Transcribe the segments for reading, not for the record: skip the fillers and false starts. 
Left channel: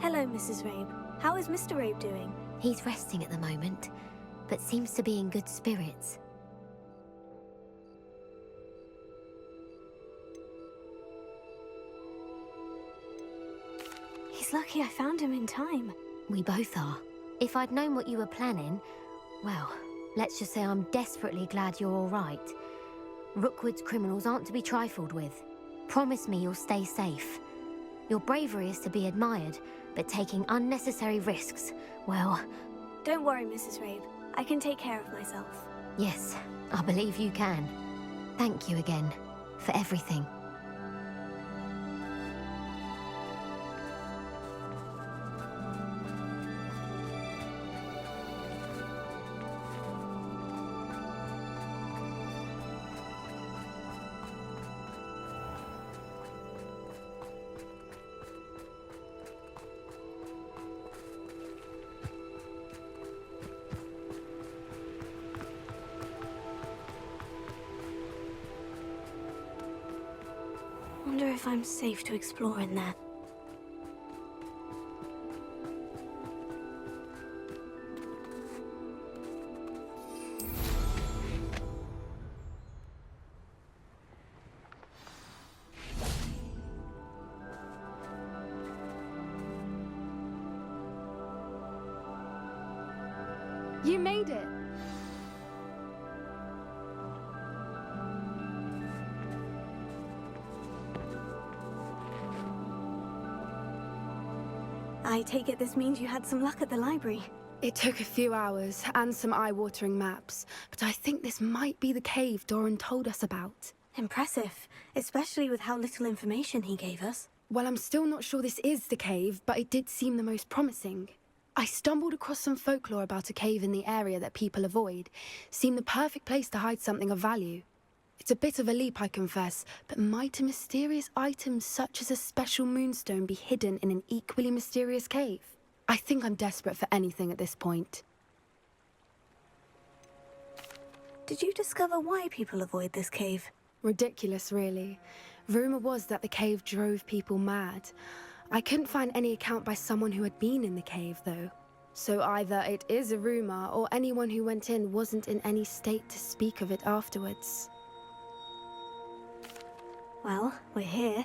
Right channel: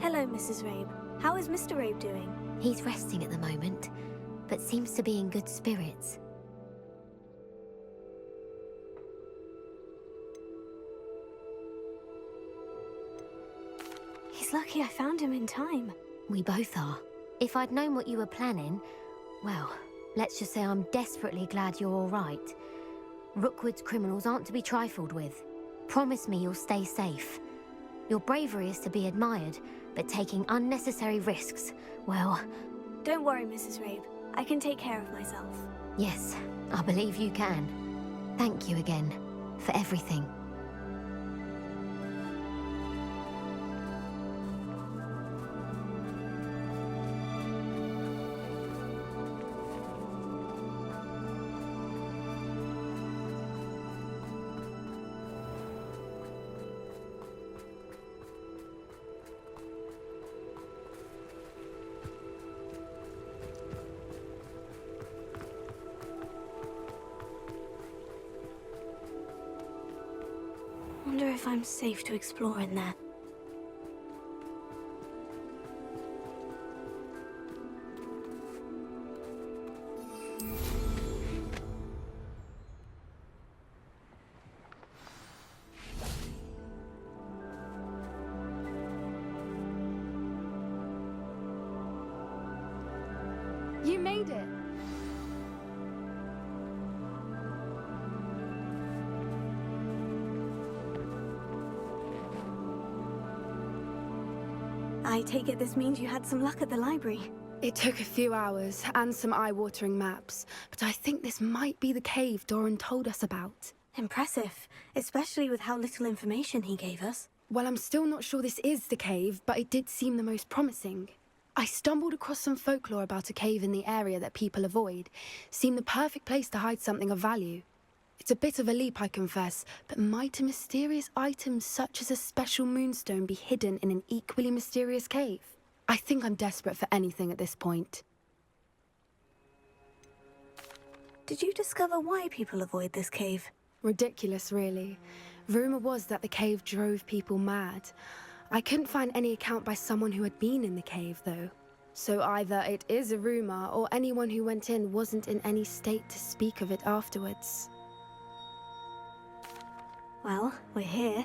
Hello, Mrs. Rabe. How is Mr. Rabe doing? He's resting at the moment, but seems to be in good spirits. He's lucky I found him in time. We both are. If I'd known what you were planning, well, let's just say I'm desperately glad you're all right. Rookwood's criminals aren't to be trifled with. Promise me you'll stay safe. Your bravery is to be admired, but taking unnecessary risks, well... Don't worry, Mrs. Rabe. I can take care of myself. Yes, I believe you can. Thank you again, for everything. Wonder if I'm safe to explore in there. You made it! I take it this means you had some luck at the library. It took a few hours and some eye-watering maps, but I think this might be the cave Doran told us about. Impressive, especially with how little information he gave us. Well, I'm still not sure this is the cave, but it did seem the most promising. I stumbled across some folklore about a cave in the area that people avoid. Seemed the perfect place to hide something of value. It's a bit of a leap, I confess, but might a mysterious item such as a special moonstone be hidden in an equally mysterious cave? I think I'm desperate for anything at this point. Did you discover why people avoid this cave? Ridiculous, really. Rumor was that the cave drove people mad. I couldn't find any account by someone who had been in the cave, though. So either it is a rumor, or anyone who went in wasn't in any state to speak of it afterwards. Well, we're here.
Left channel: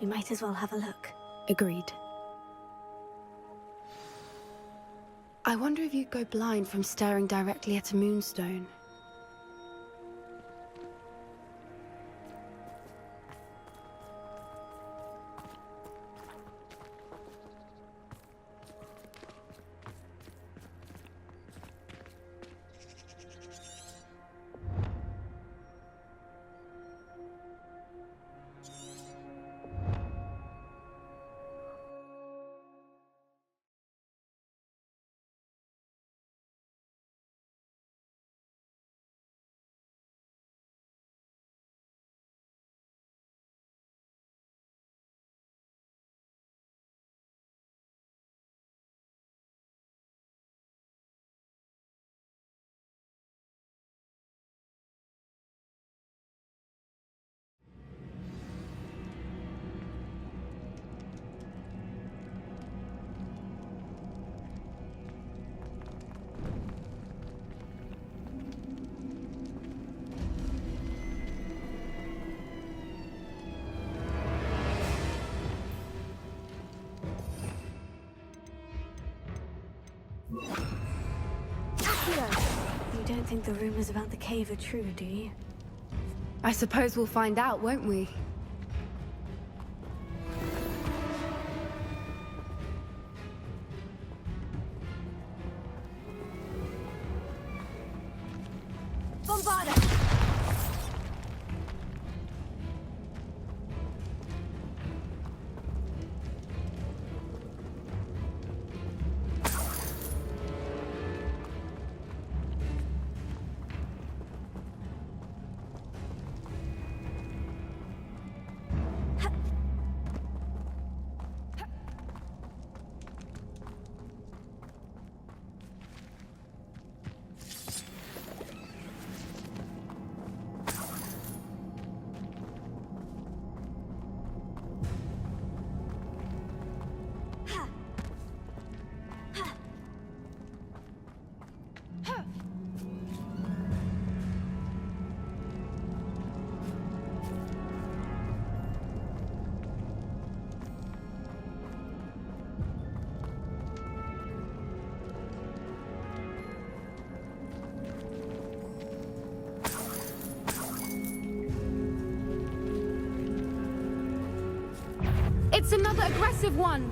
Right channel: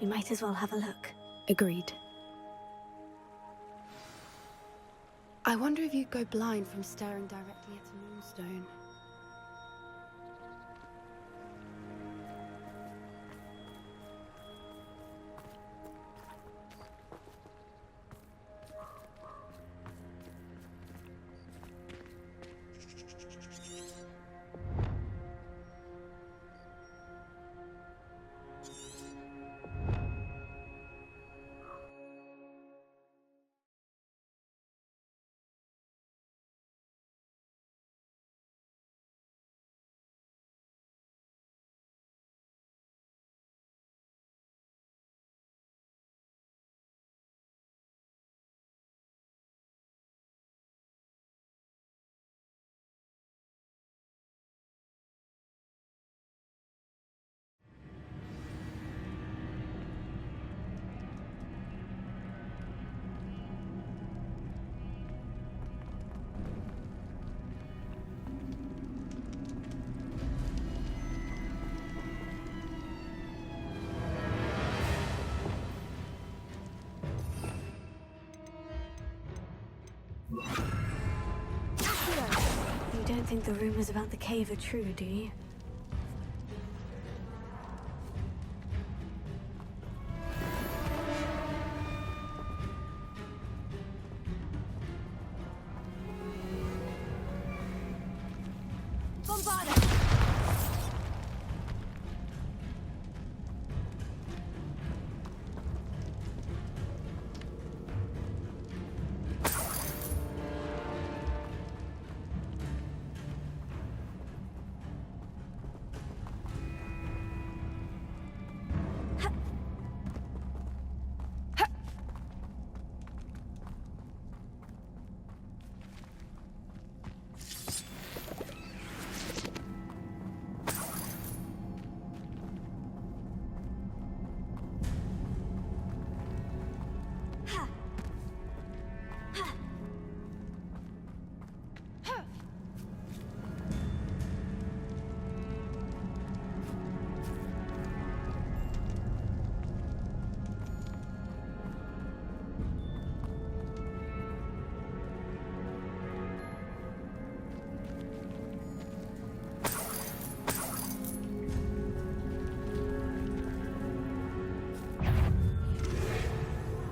We might as well have a look. Agreed. I wonder if you'd go blind from staring directly at a moonstone. You don't think the rumors about the cave are true, do you? I suppose we'll find out, won't we? Bombarda! It's another aggressive one!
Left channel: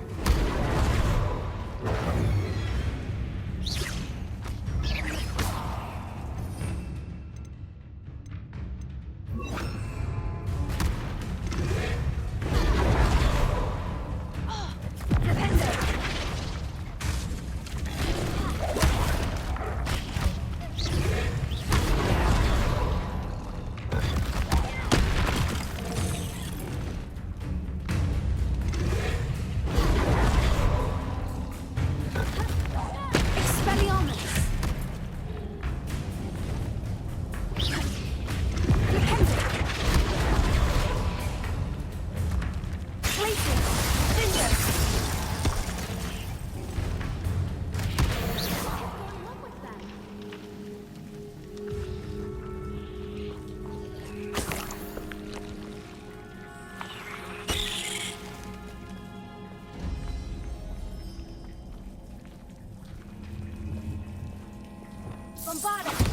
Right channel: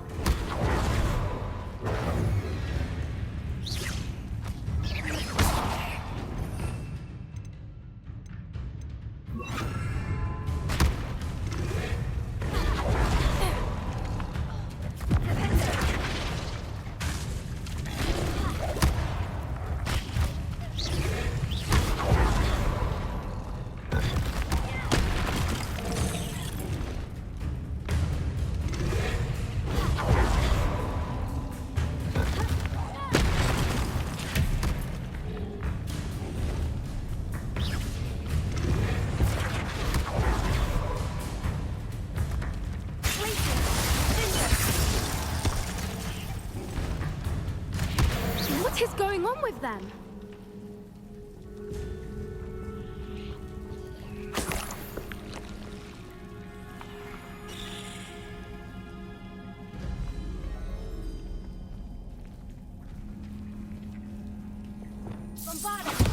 What is going on with them? Bombarded!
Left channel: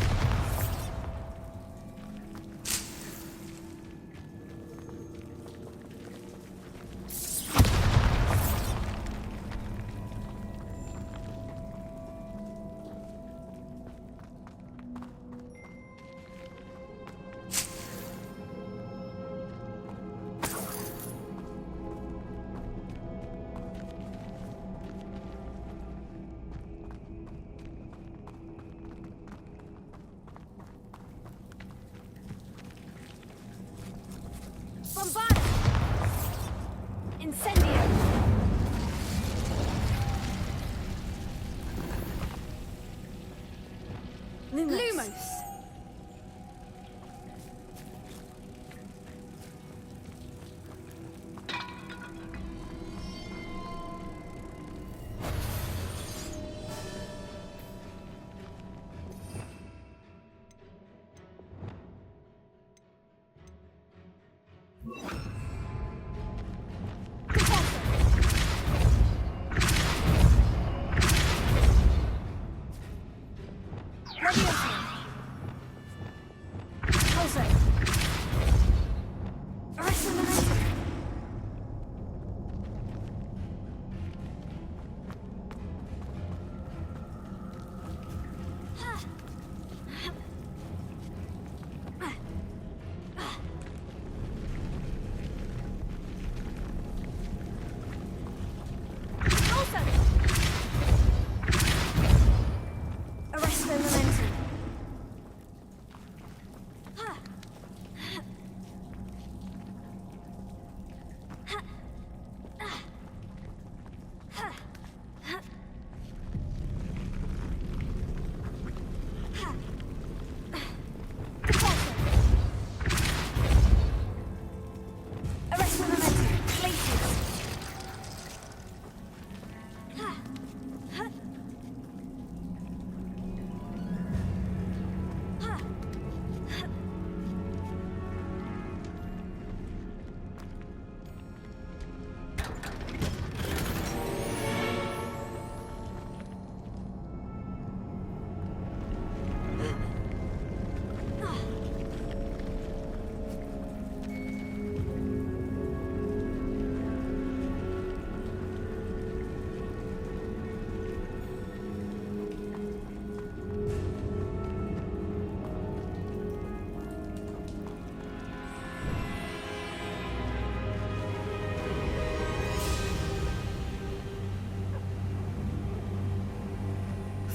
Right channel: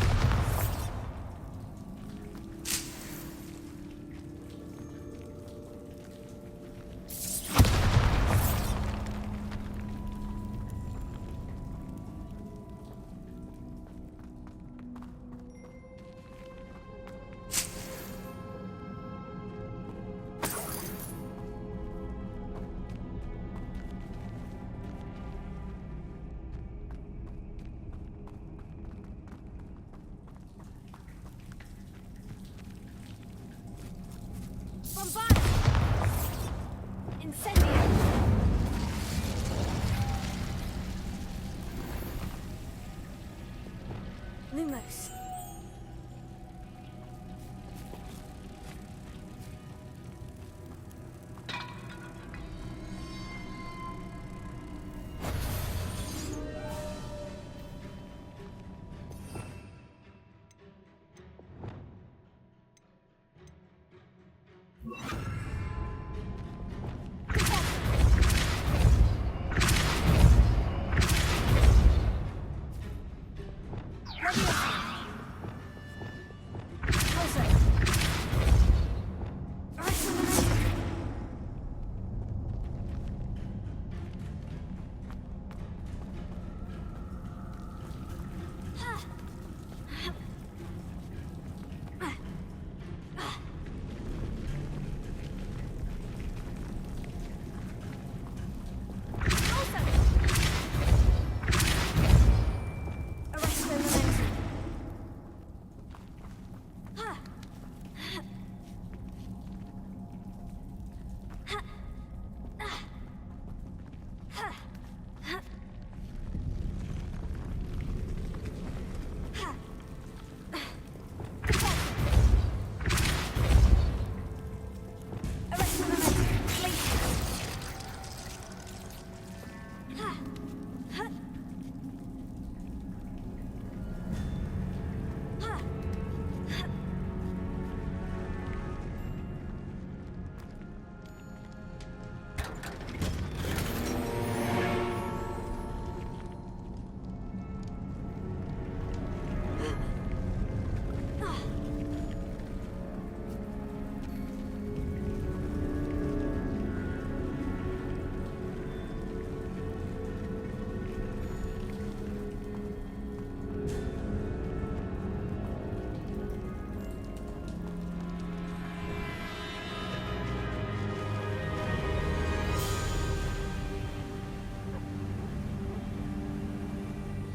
Bombarded! Incendio! Lumos!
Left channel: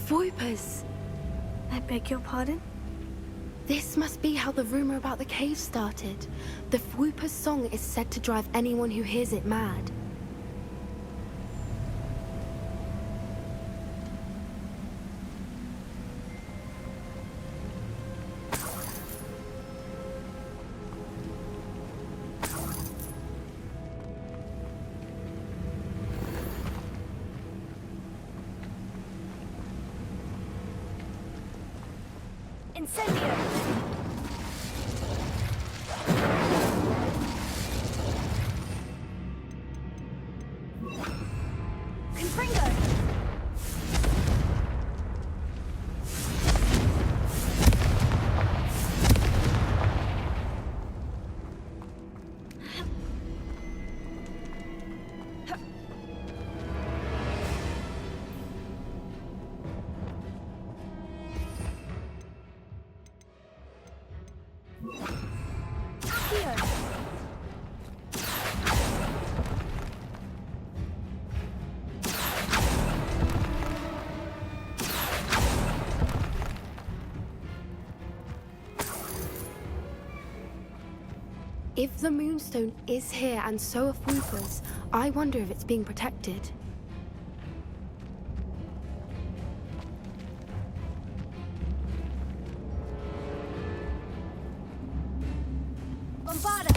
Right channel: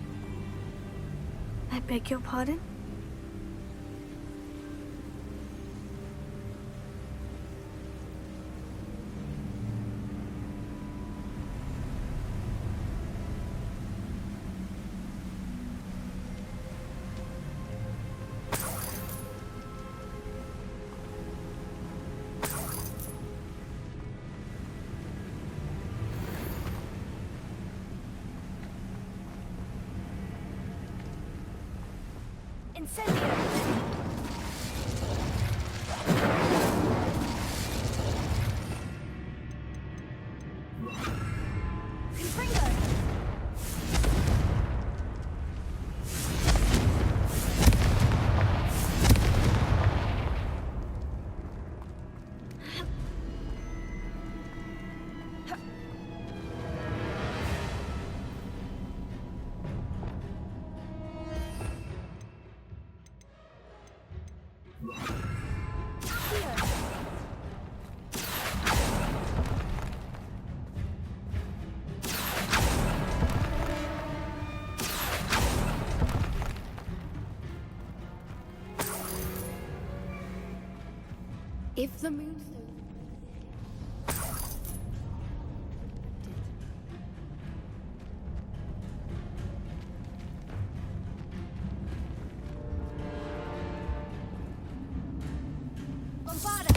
Voipers! I beg your pardon? This must be how the rumor about the cave started. The Voiper's song is said to drive anyone who hears it mad. Incendio! Confringo! If the Moonstone is here and so are Fulcrus, I wonder if it's being protected. Bombarda!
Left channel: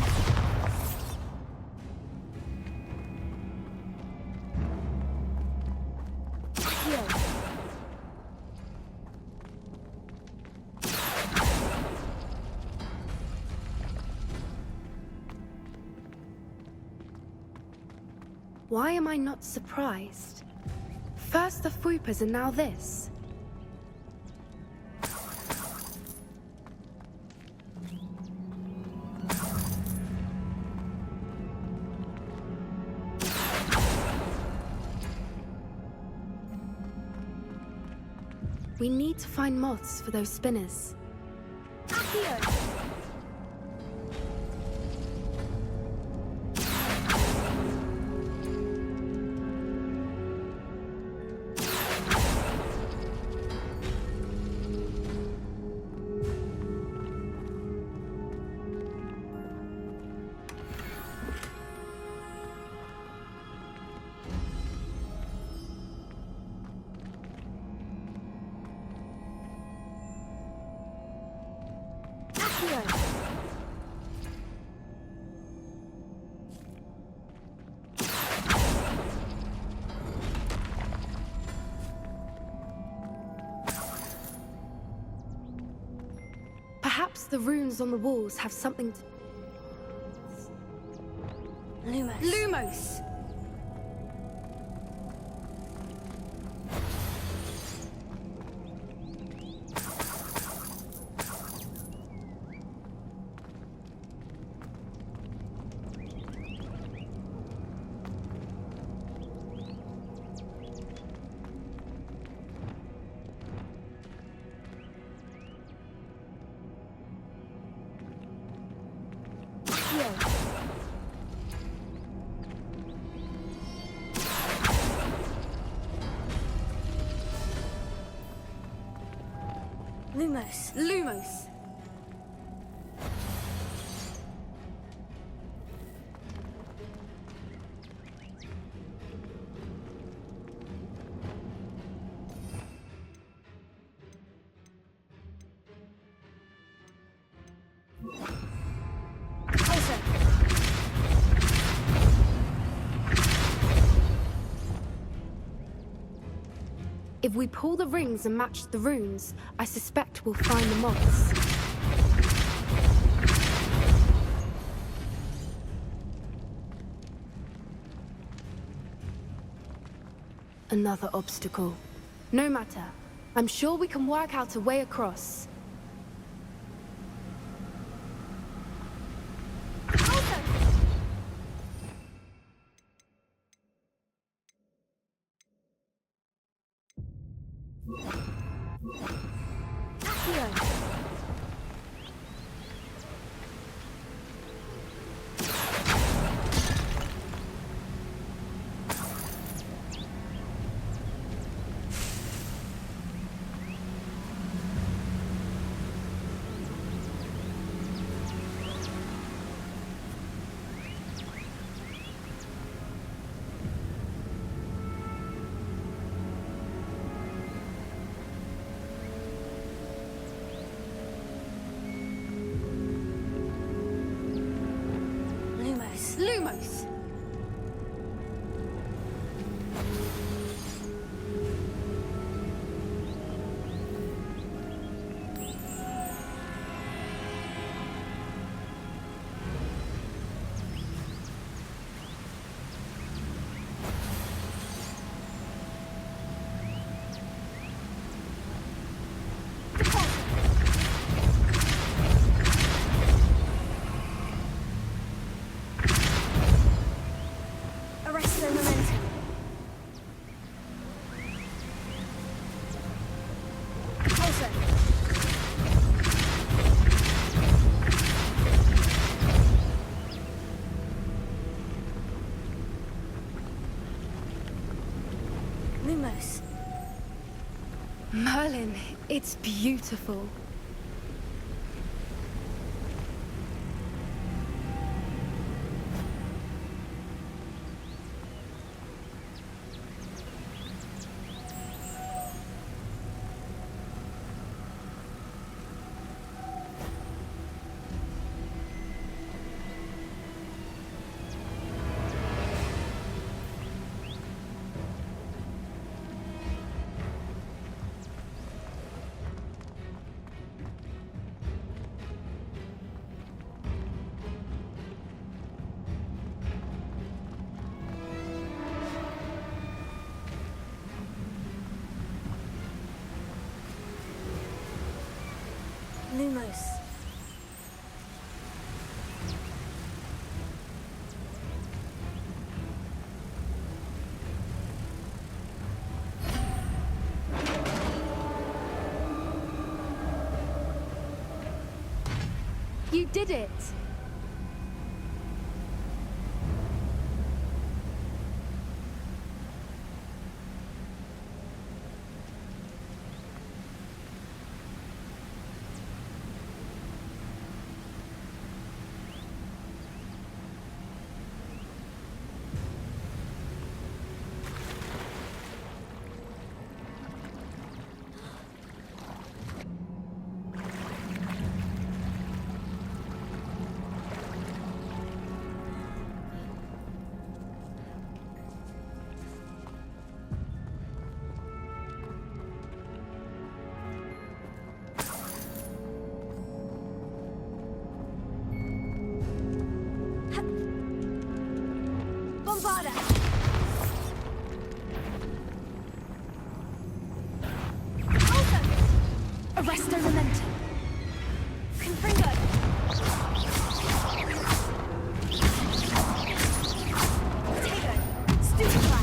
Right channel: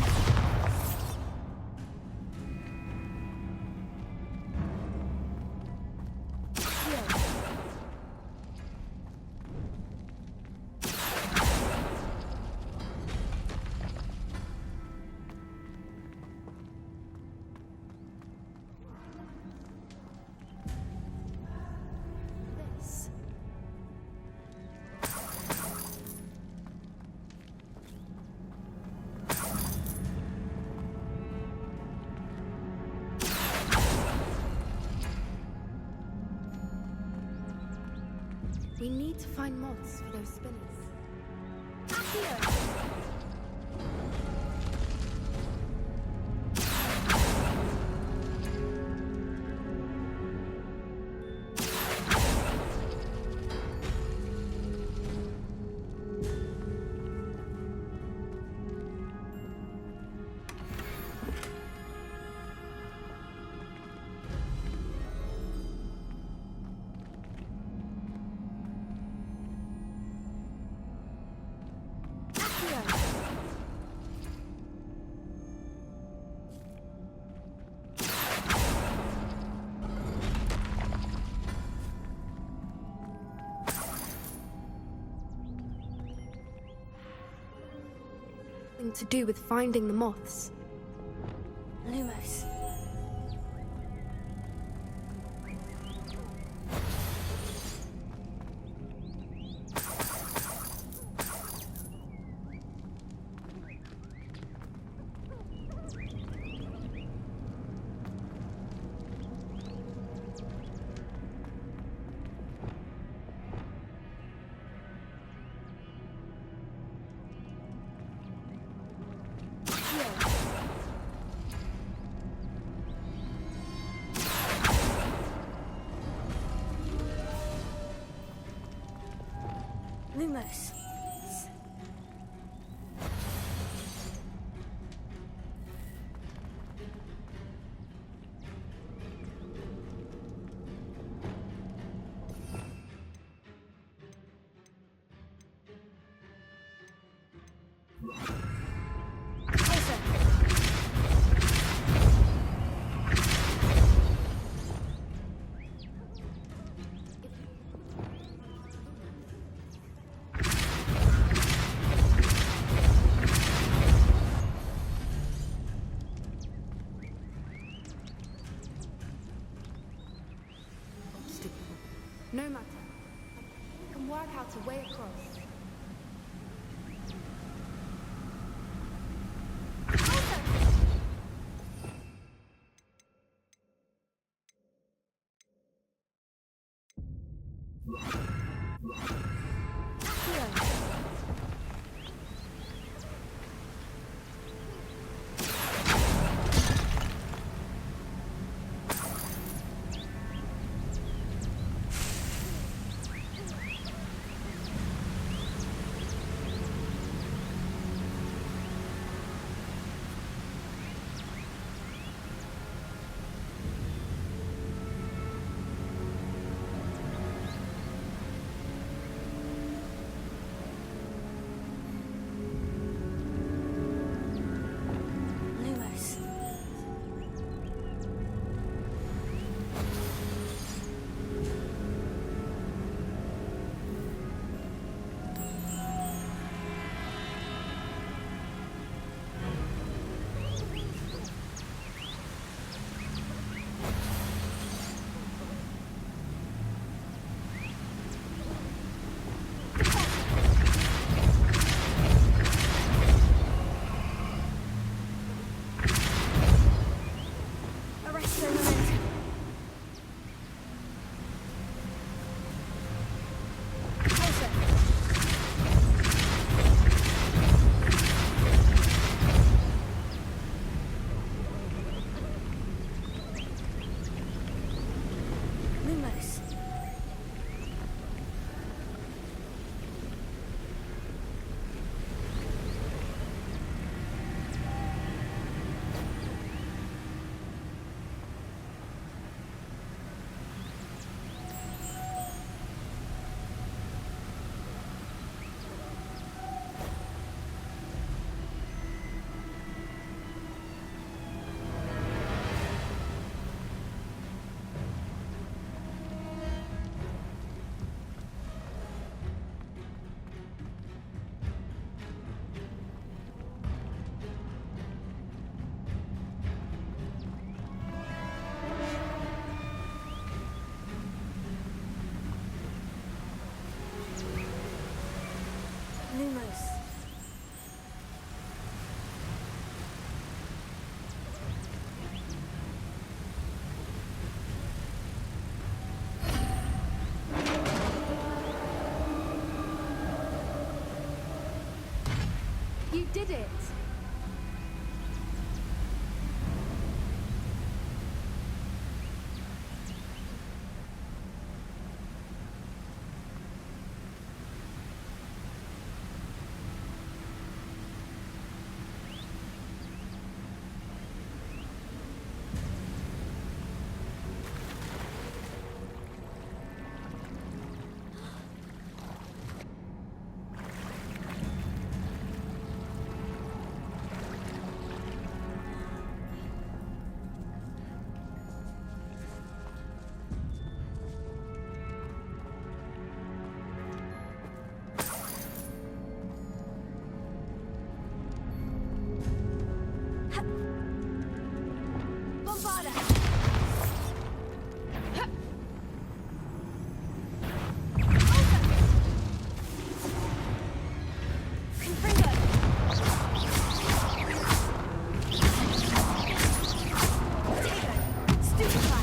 Why am I not surprised? First the Fuipas and now this. We need to find moths for those spinners. Accio! Perhaps the runes on the walls have something to do with finding the moths. Lumos. Lumos! Lumos. Lumos! If we pull the rings and match the runes, I suspect we'll find the moths. Another obstacle. No matter. I'm sure we can work out a way across. Lumos. Lumos! Arresto momentum. Also, Lumos. Merlin, it's beautiful. Almost. You did it! Bombarda! Arresto Memento! Confringo! Potato! Stupefy!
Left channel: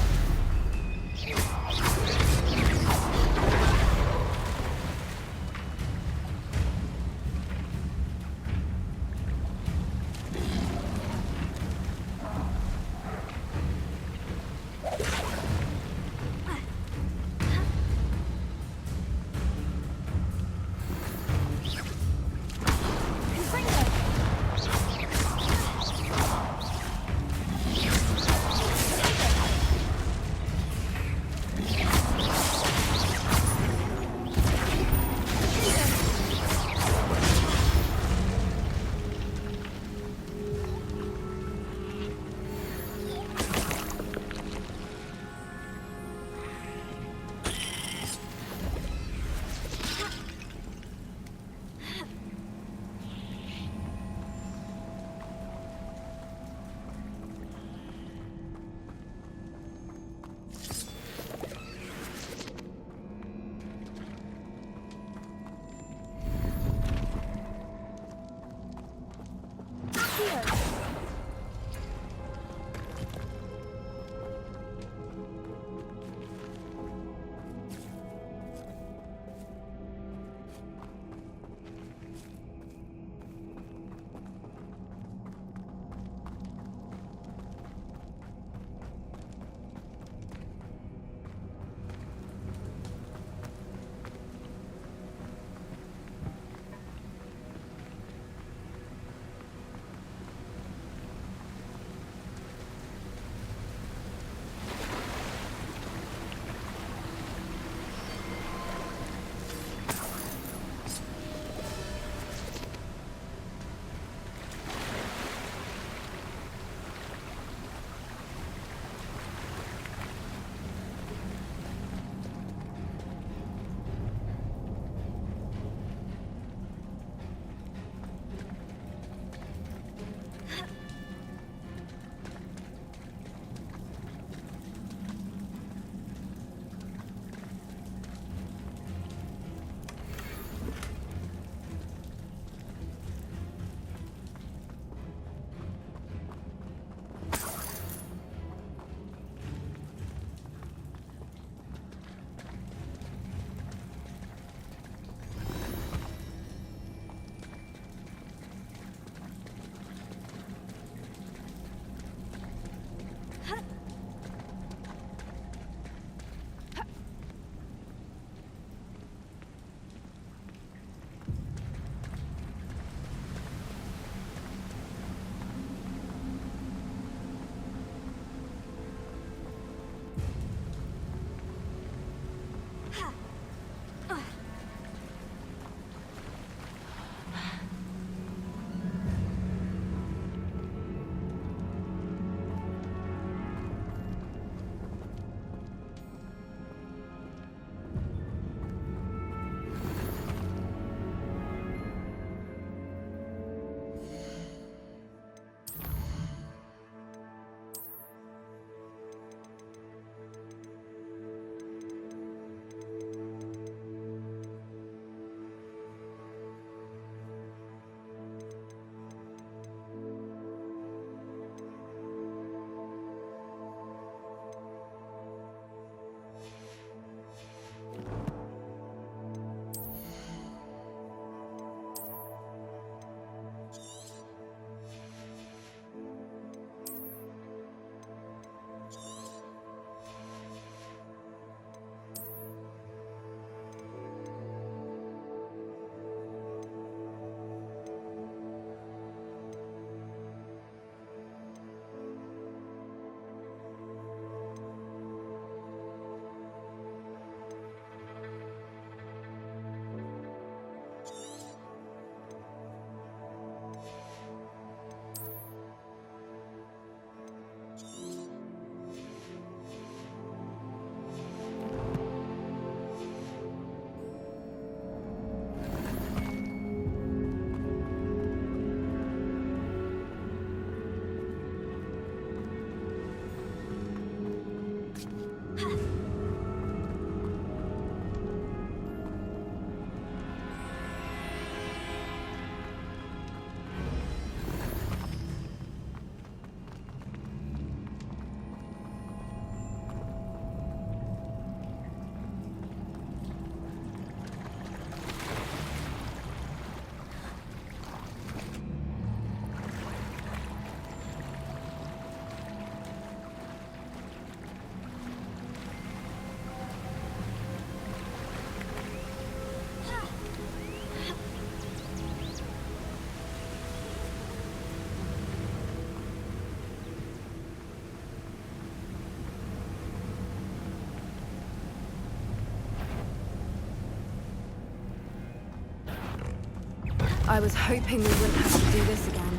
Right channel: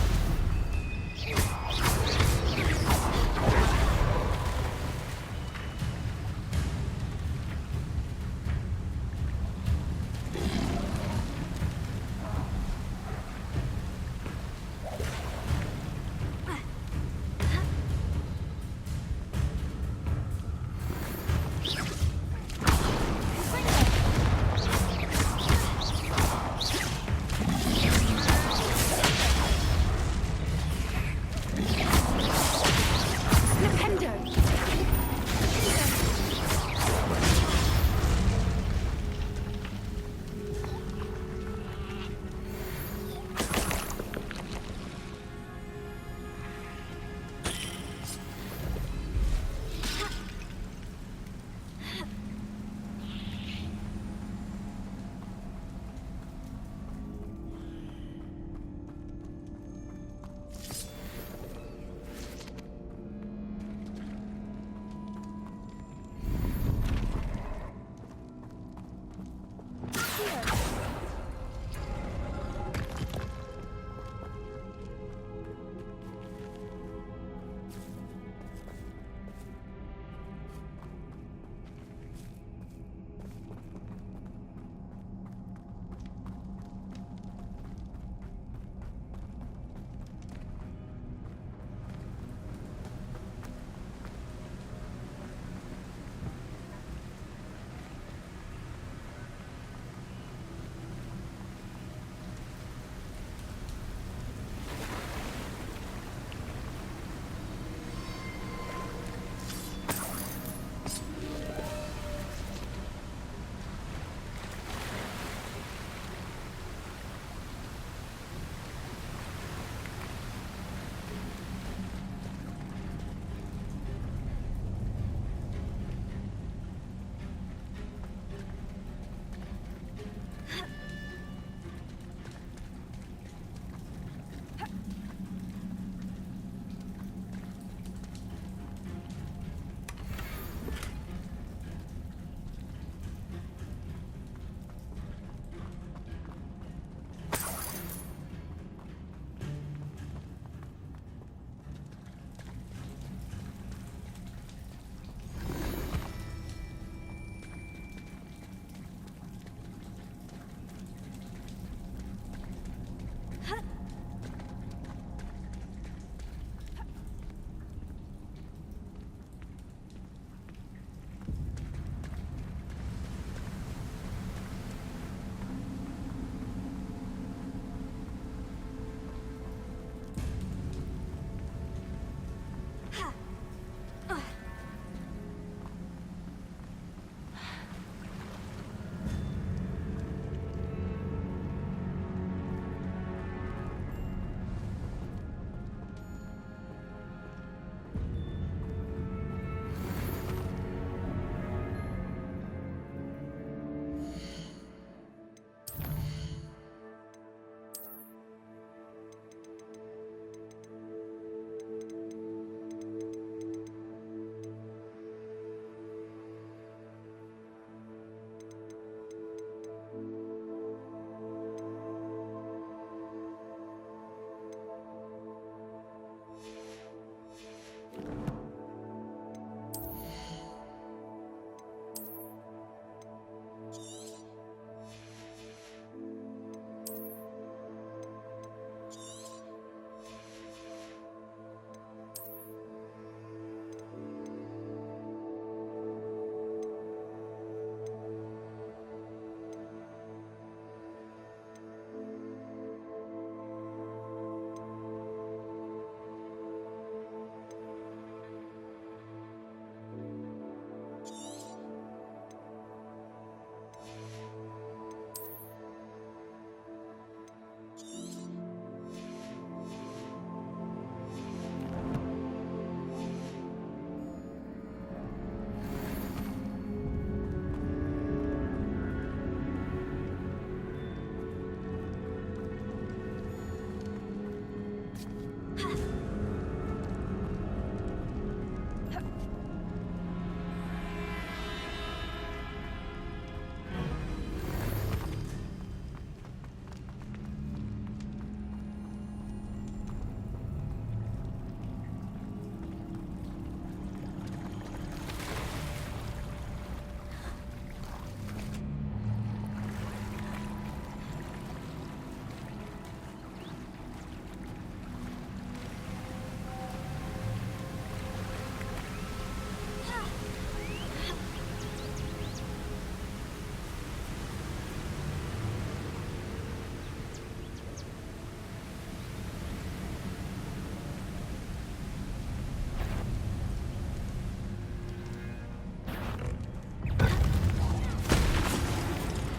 I was hoping we wouldn't have to do this again.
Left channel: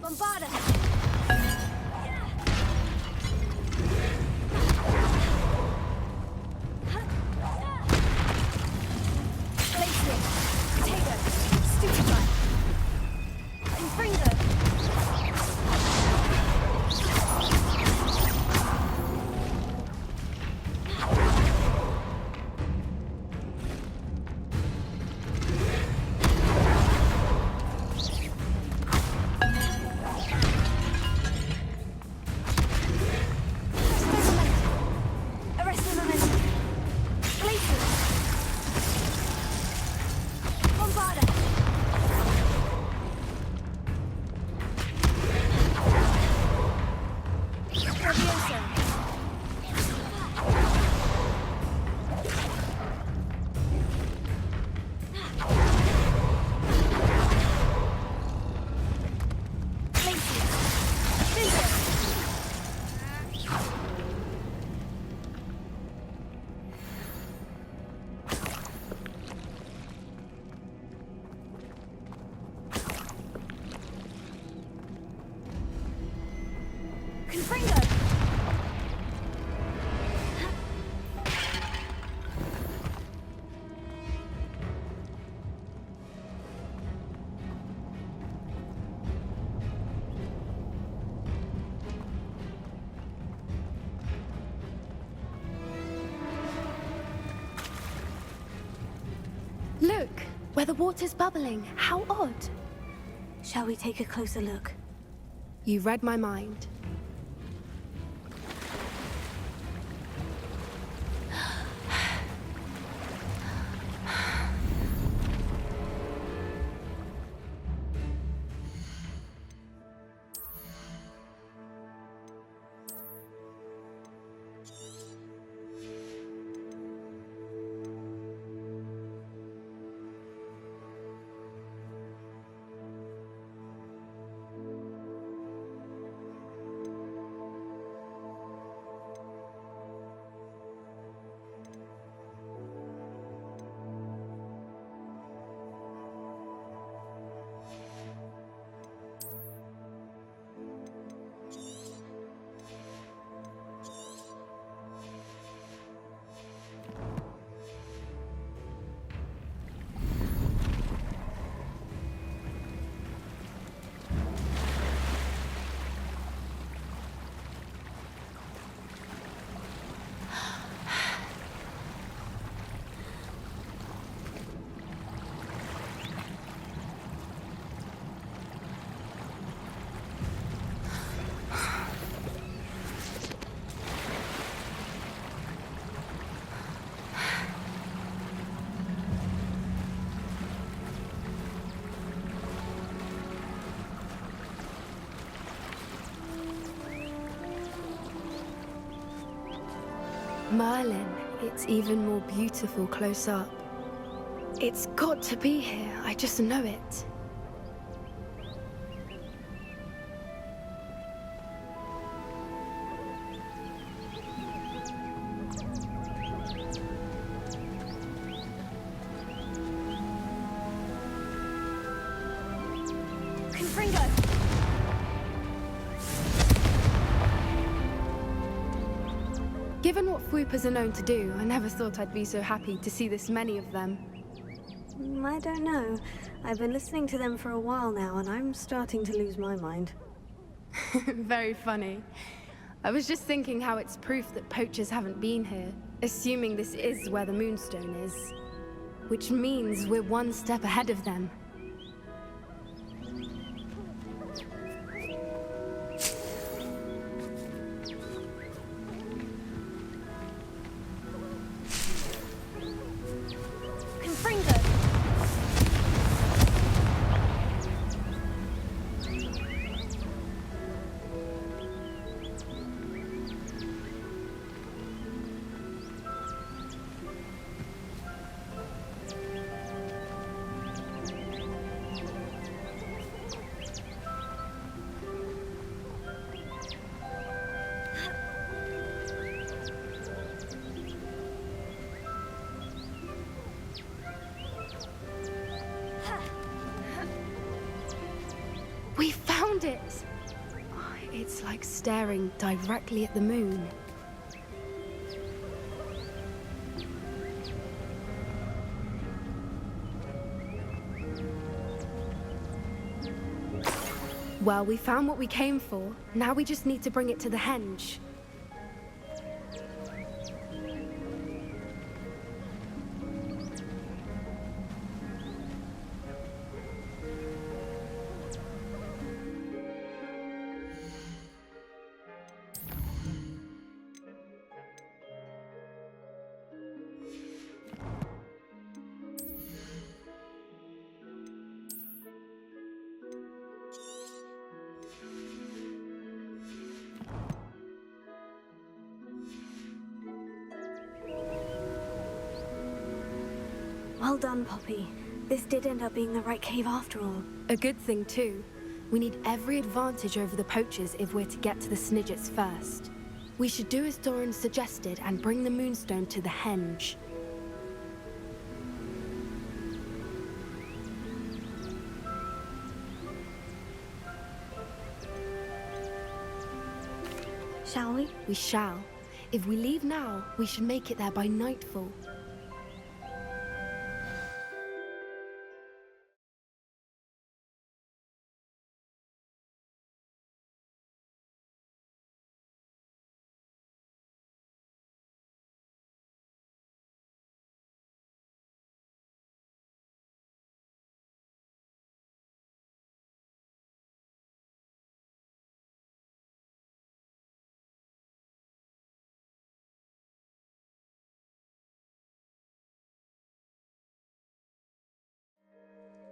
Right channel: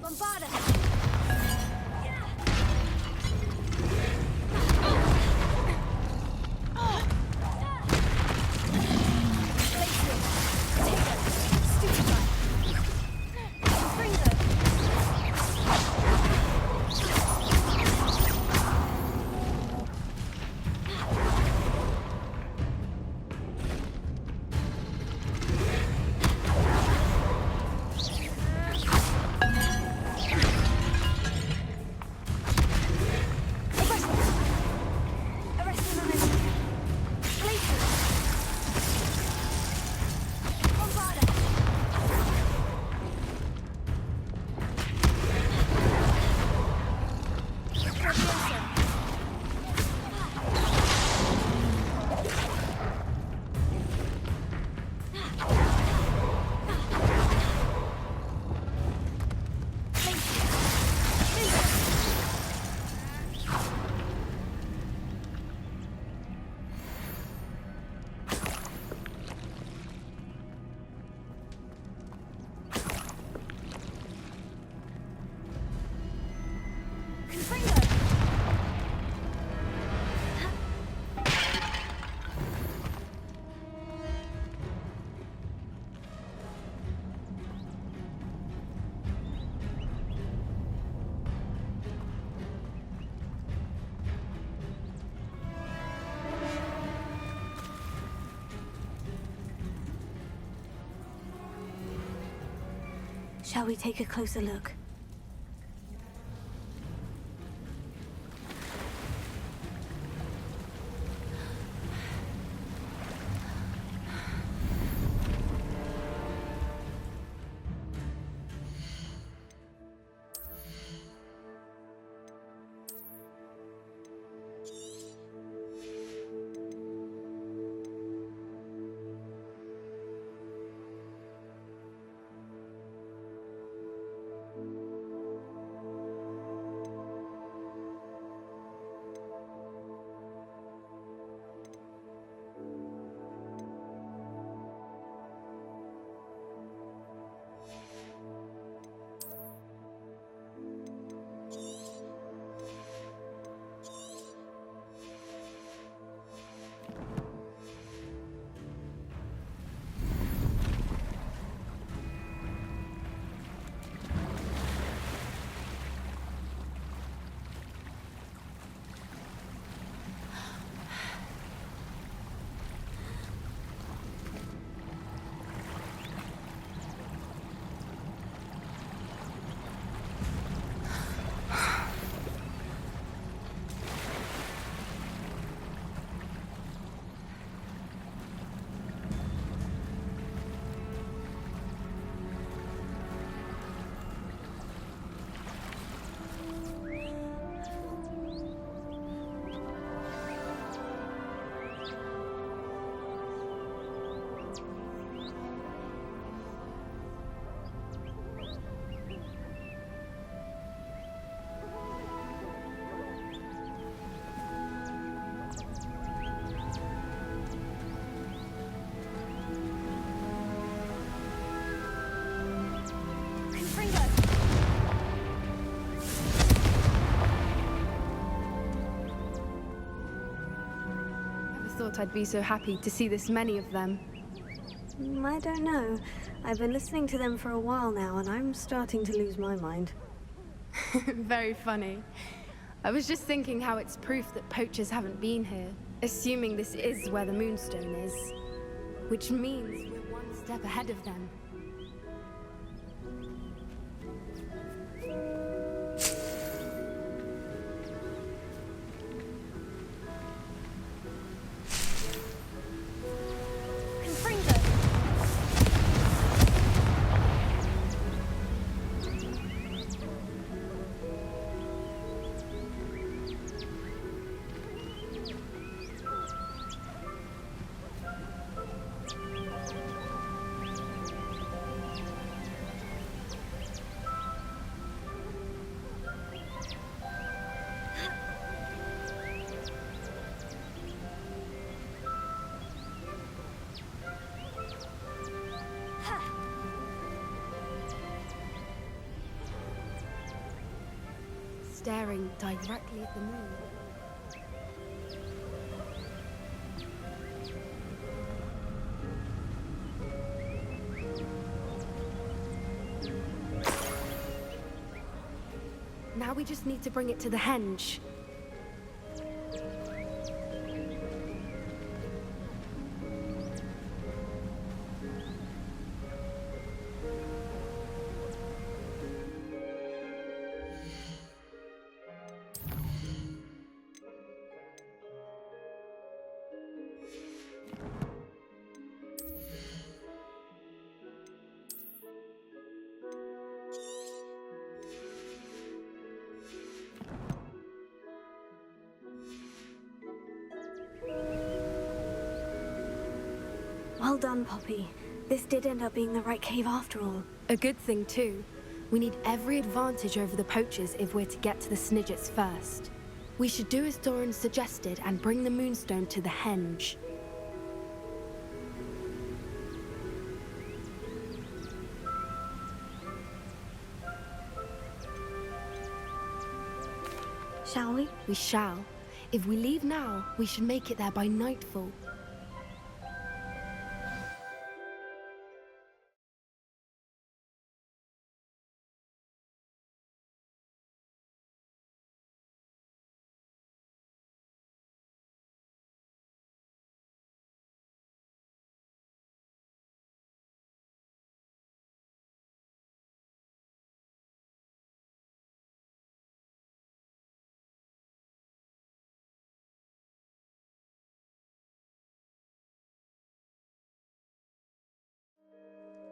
Bombarda! Look, where the water's bubbling. How odd. Shall we take a closer look? You read my mind. Merlin, it's even more beautiful close up. It's got to be here, I just know it. Given what Fwoopers are known to do, I never thought I'd be so happy to see this many of them. I don't know. I've been listening to them for a while now, and I'm starting to lose my mind. Very funny. I was just thinking how it's proof that poachers haven't been here, assuming this is where the Moonstone is. Which means we're one step ahead of them. We found it! It's like staring directly at the moon. Well, we found what we came for. Now we just need to bring it to the henge. Well done, Poppy. This did end up being the right cave after all. A good thing, too. We need every advantage over the poachers if we're to get to the Snidgets first. We should do as Doran suggested and bring the Moonstone to the henge. Shall we? We shall. If we leave now, we should make it there by nightfall.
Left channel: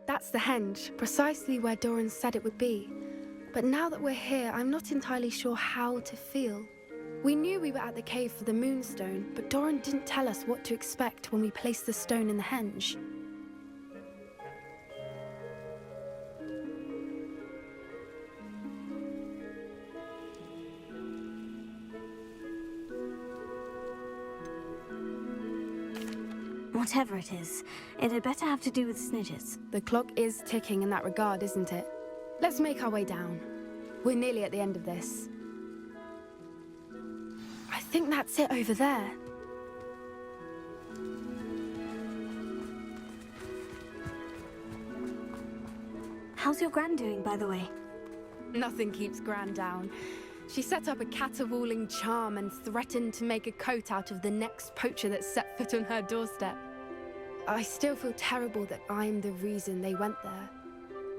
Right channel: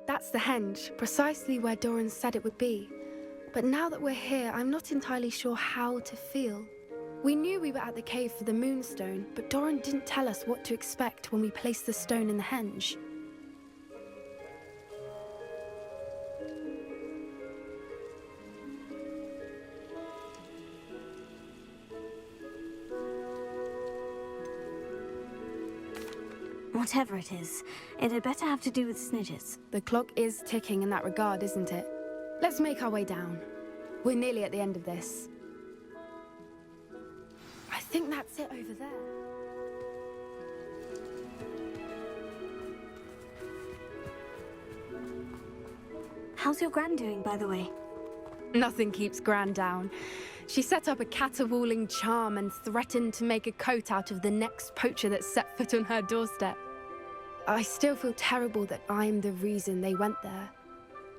That's the henge, precisely where Doran said it would be. But now that we're here, I'm not entirely sure how to feel. We knew we were at the cave for the Moonstone, but Doran didn't tell us what to expect when we placed the stone in the henge. Whatever it is, it had better have to do with Snidgets. The clock is ticking in that regard, isn't it? Let's make our way down. We're nearly at the end of this. I think that's it over there. How's your Gran doing, by the way? Nothing keeps Gran down. She set up a caterwauling charm and threatened to make a coat out of the next poacher that set foot on her doorstep. I still feel terrible that I'm the reason they went there.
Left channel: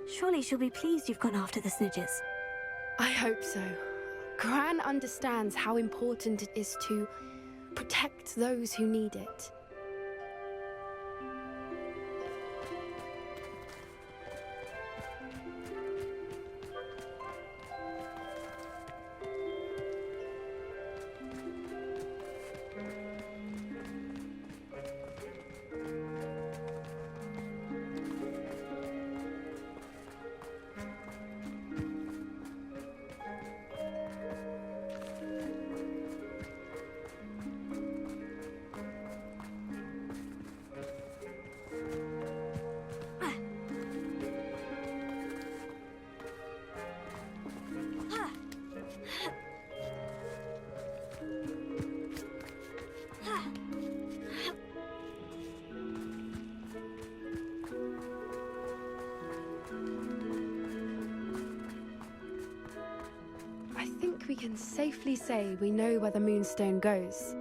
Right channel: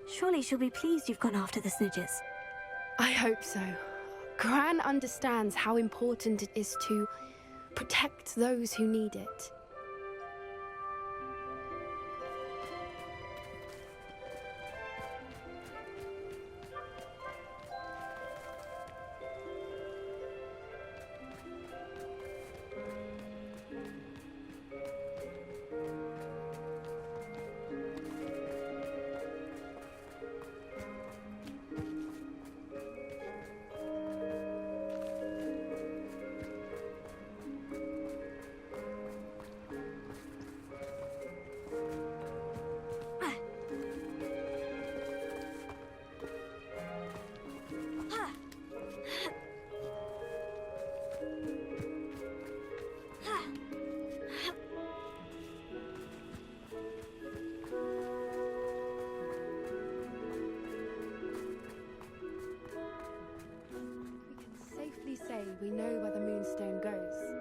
Surely she'll be pleased you've gone after the Snidgets. I hope so. Gran understands how important it is to protect those who need it. safely say we know where the Moonstone goes.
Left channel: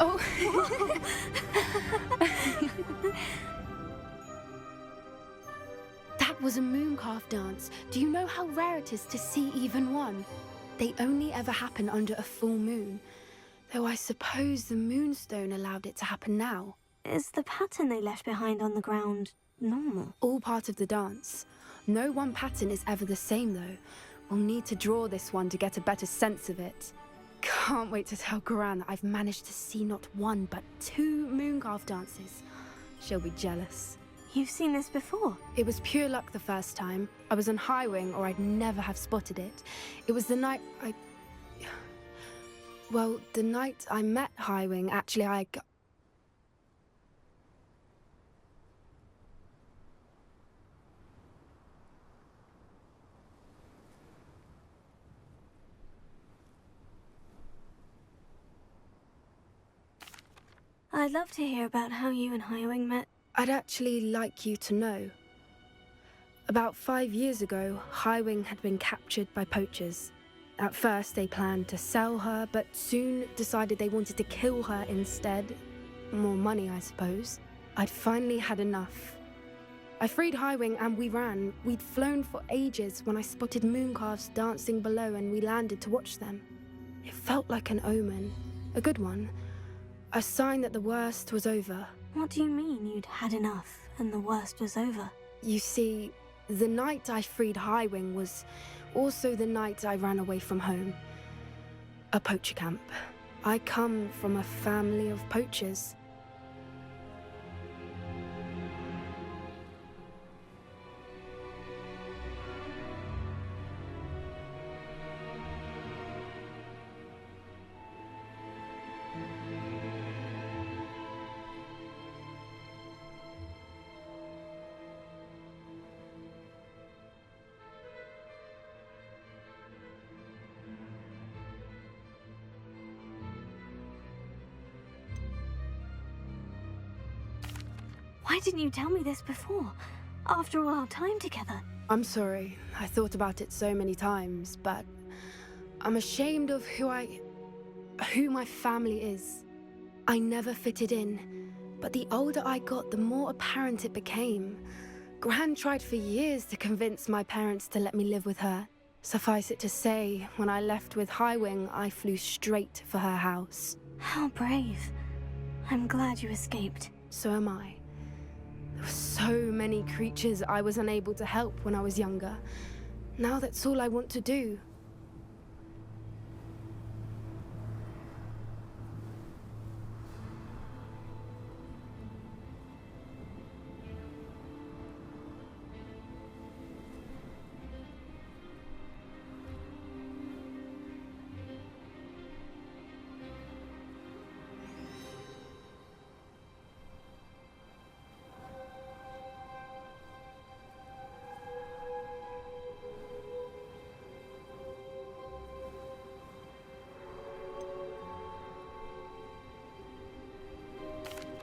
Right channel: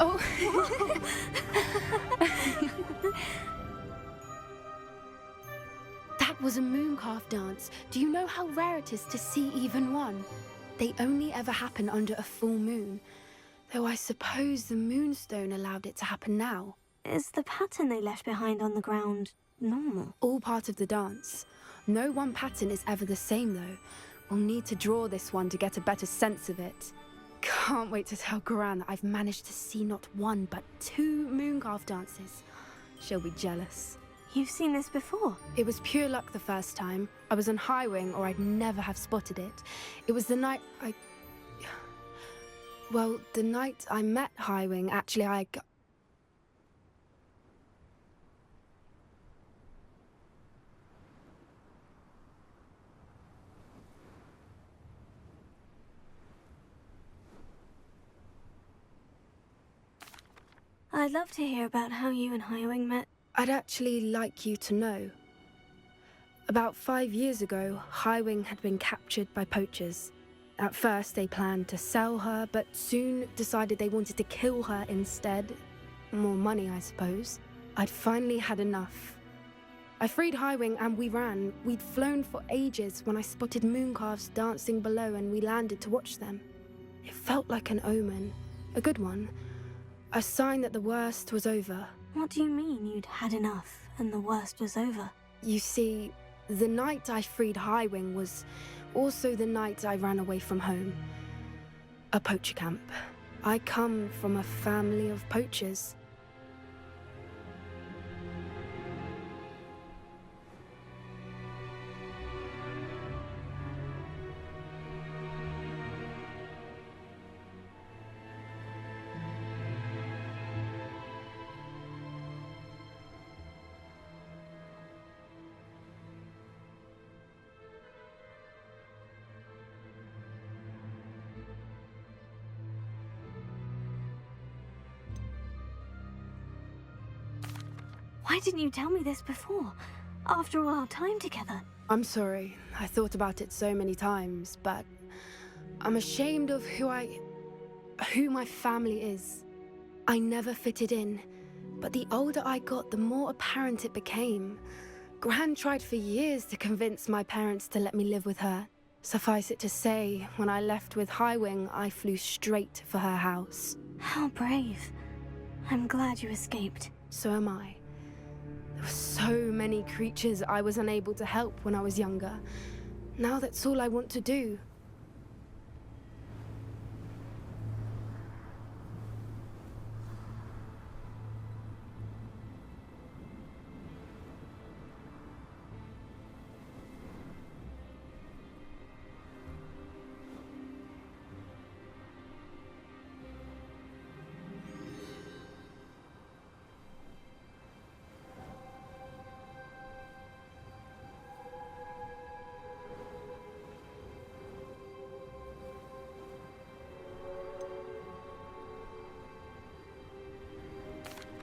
Oh. That was a mooncalf dance. Do you know how rare it is to see even one? They only ever happen under a full moon. Though I suppose the Moonstone allowed it to happen now. Is the pattern they left behind on the ground normal? All part of the dance. No one pattern is ever the same, though. We'll need to draw this one to get a better sense of it. Can't wait to tell Gran that I've managed to see not one, but 2 mooncalf dances. She'll be jealous. You've seen this before? It was pure luck the first time. I was on Highwing, or I'd never have spotted it. It was the night Well, the night I met Highwing, actually, I'd love to hear about how you and Highwing met. I'd actually like you to know. About 5 years ago, Highwing had been captured by poachers. At first, they planned to sell her, but soon decided they wanted to kill her instead. More money, I suppose. I'd finally had enough. I freed Highwing and we ran. We'd flown for ages when I spotted mooncalves dancing below and we landed to watch them. It felt like an omen. A good one. A sign that the worst was over. What do you mean you'd had enough and the worst was over? You see, the night I freed Highwing was also the night I ran away from home. A poacher camp. I come from a family of poachers. Why didn't you tell me this before? After all our time together. I'm sorry. I thought about it so many times, but I'm ashamed of who my family is. I never fitted in, but the older I got, the more apparent it became. Gran tried for years to convince my parents to let me live with her. Suffice it to say, when I left with Highwing, I flew straight for her house. How brave. I'm glad you escaped. So am I. There were so many creatures I was unable to help when I was younger. Now that's all I want to do.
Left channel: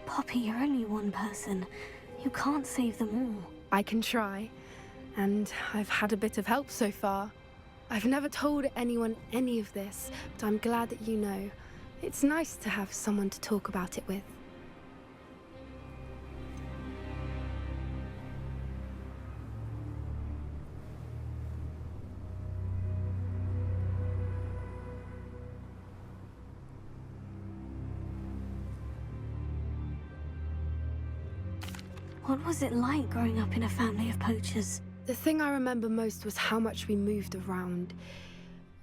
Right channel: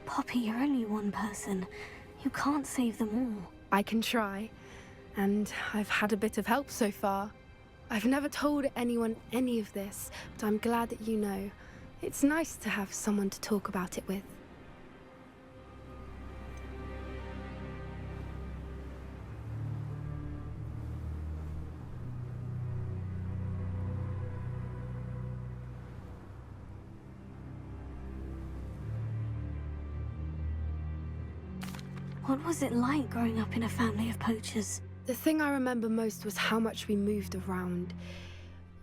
Poppy, you're only one person. You can't save them all. I can try, and I've had a bit of help so far. I've never told anyone any of this, but I'm glad that you know. It's nice to have someone to talk about it with. What was it like growing up in a family of poachers? The thing I remember most was how much we moved around,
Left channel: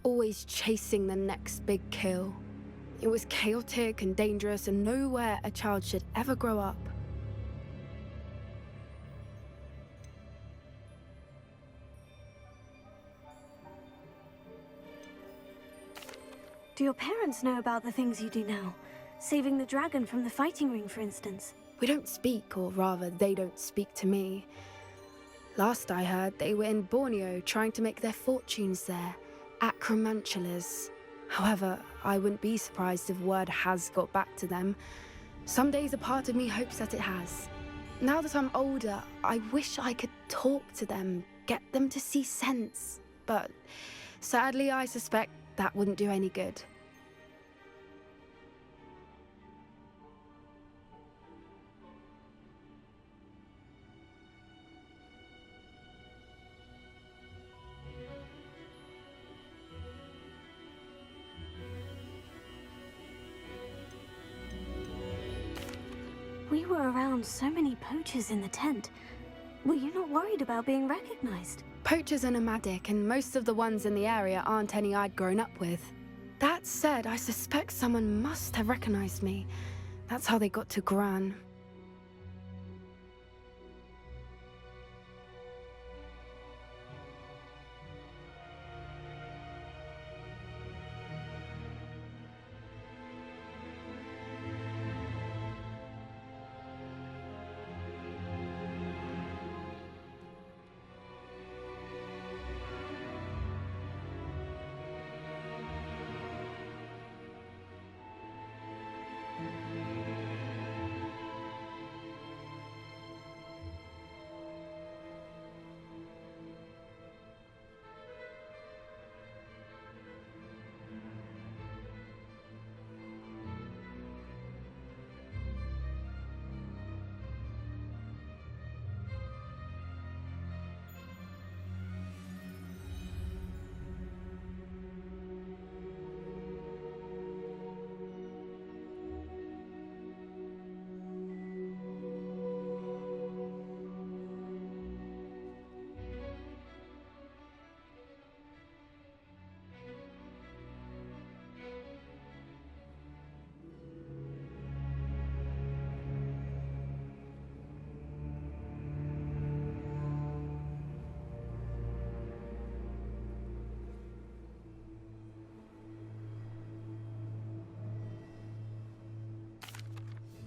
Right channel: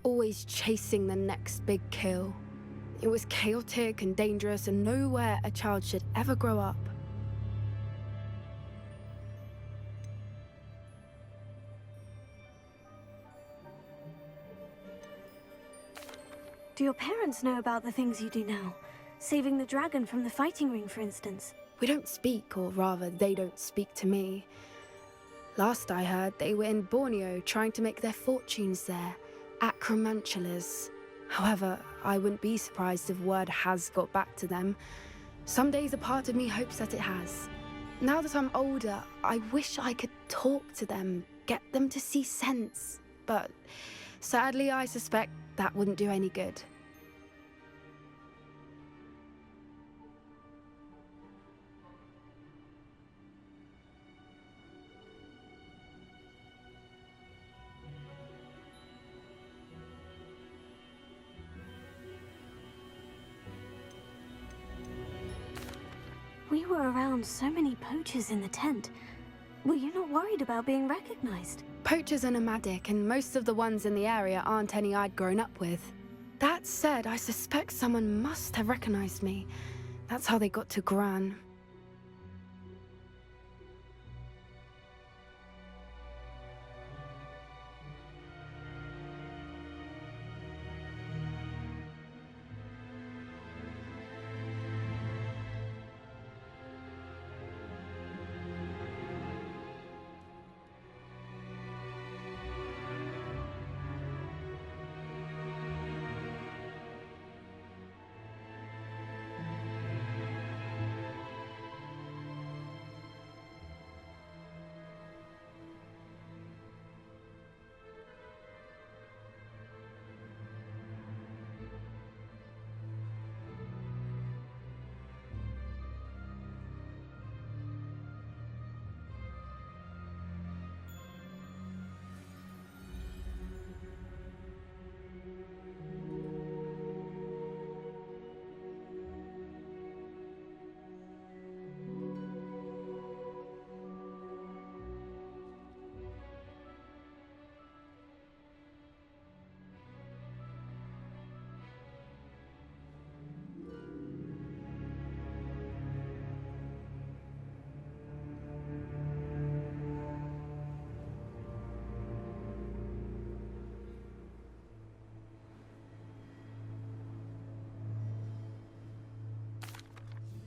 always chasing the next big kill. It was chaotic and dangerous, and nowhere a child should ever grow up. Do your parents know about the things you do now? Saving the dragon from the fighting ring, for instance? We don't speak, or rather, they don't speak to me. Last I heard, they were in Borneo trying to make their fortunes there, acromantulas. However, I wouldn't be surprised if word has got back to them. Some days a part of me hopes that it has. Now that I'm older, I wish I could talk to them, get them to see sense. But sadly, I suspect that wouldn't do any good. We were around so many poachers in the tent. Were you not worried about being recognized? Poachers are nomadic, and most of the ones in the area aren't any I'd grown up with. That said, I suspect someone must have recognized me. That's how they got to Gran.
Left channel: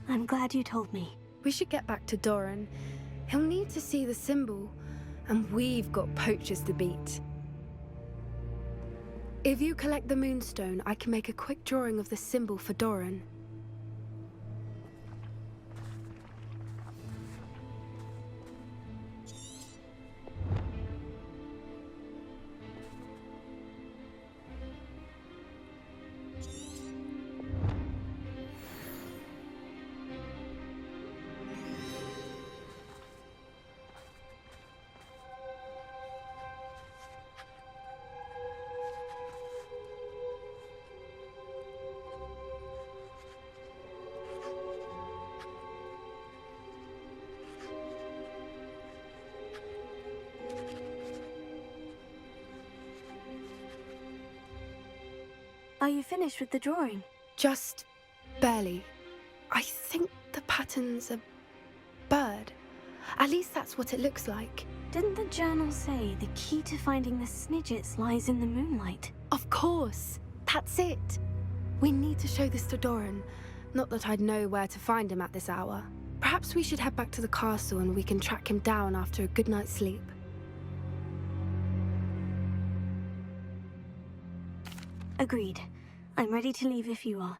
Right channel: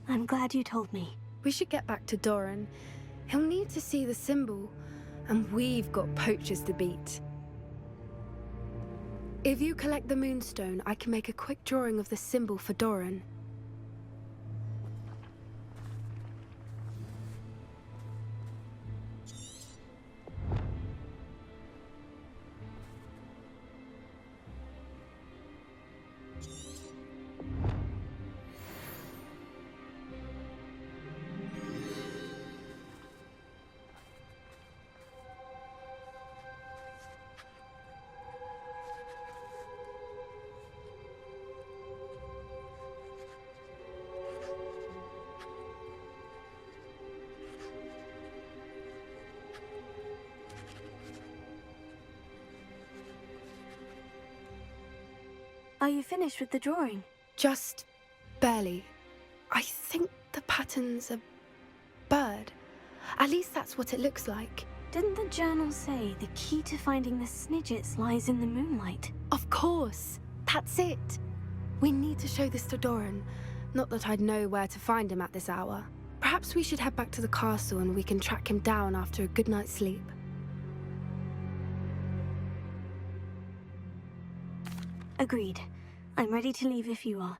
I'm glad you told me. We should get back to Doran. He'll need to see the symbol, and we've got poachers to beat. If you collect the moonstone, I can make a quick drawing of the symbol for Doran. Are you finished with the drawing? Just barely. I think the pattern's a bird. At least that's what it looks like. Didn't the journal say the key to finding the Snidgets lies in the moonlight? Of course! That's it! We need to show this to Doran. Not that I'd know where to find him at this hour. Perhaps we should head back to the castle and we can track him down after a good night's sleep. Agreed. I'm ready to leave if you are.